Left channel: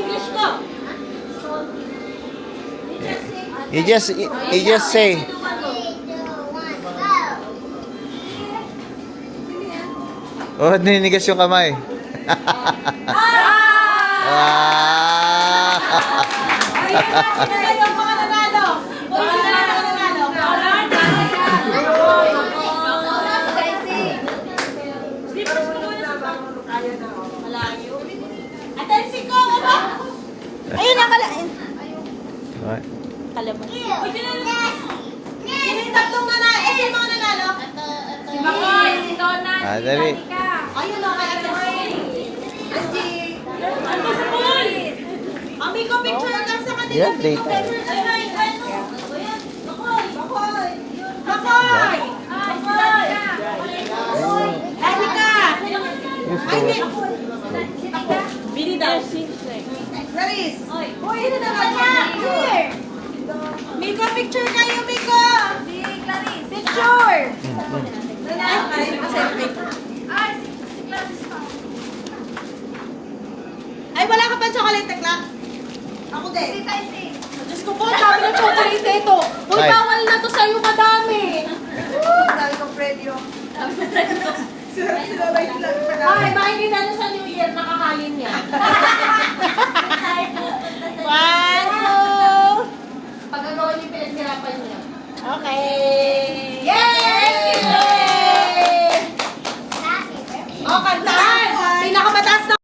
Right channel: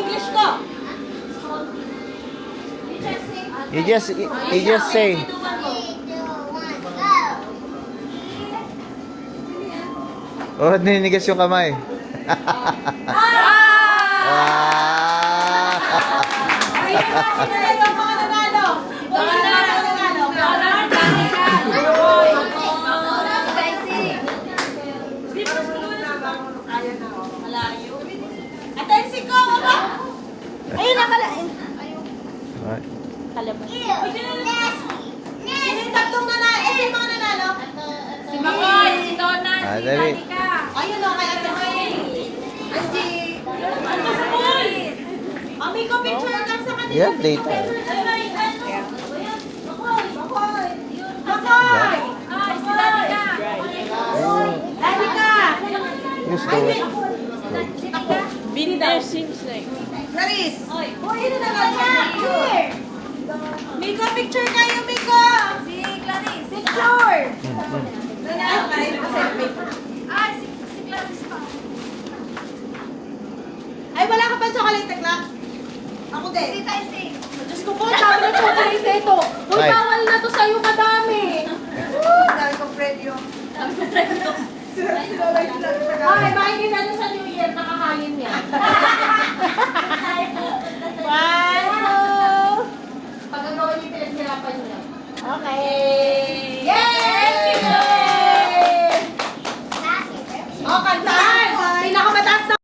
English ko. You just say. Oh, ninigas yung kamay. Sino na yung mga nanalo? Uy, sino na yung mga nanalo? Atensi ko, ano? Ayun na pala. Right. Sino yung tatlong nanalo? Sino yung mga nanalo? Si Makoy, si Donna, Ah, si dali. Danica. Ayun o, kaya ito. Angie. Ano si Boy? Mami ko, picture ka sa kanila. Yeah, later. Bakoy! Bakoy! Ay, si Danica. Danica! Who's doing? Bini daw. Clarice! Uy, ano na nga niya? Here! Miko, picture kayo, Miko! Si Clarice. Picture! Ay, si Clarice pa. Ay, wala ka pa chocolate, tekla? Ako din. Si Tyson. Diyos ko po, dami ng chocolate ito. Uy, Ay. bawal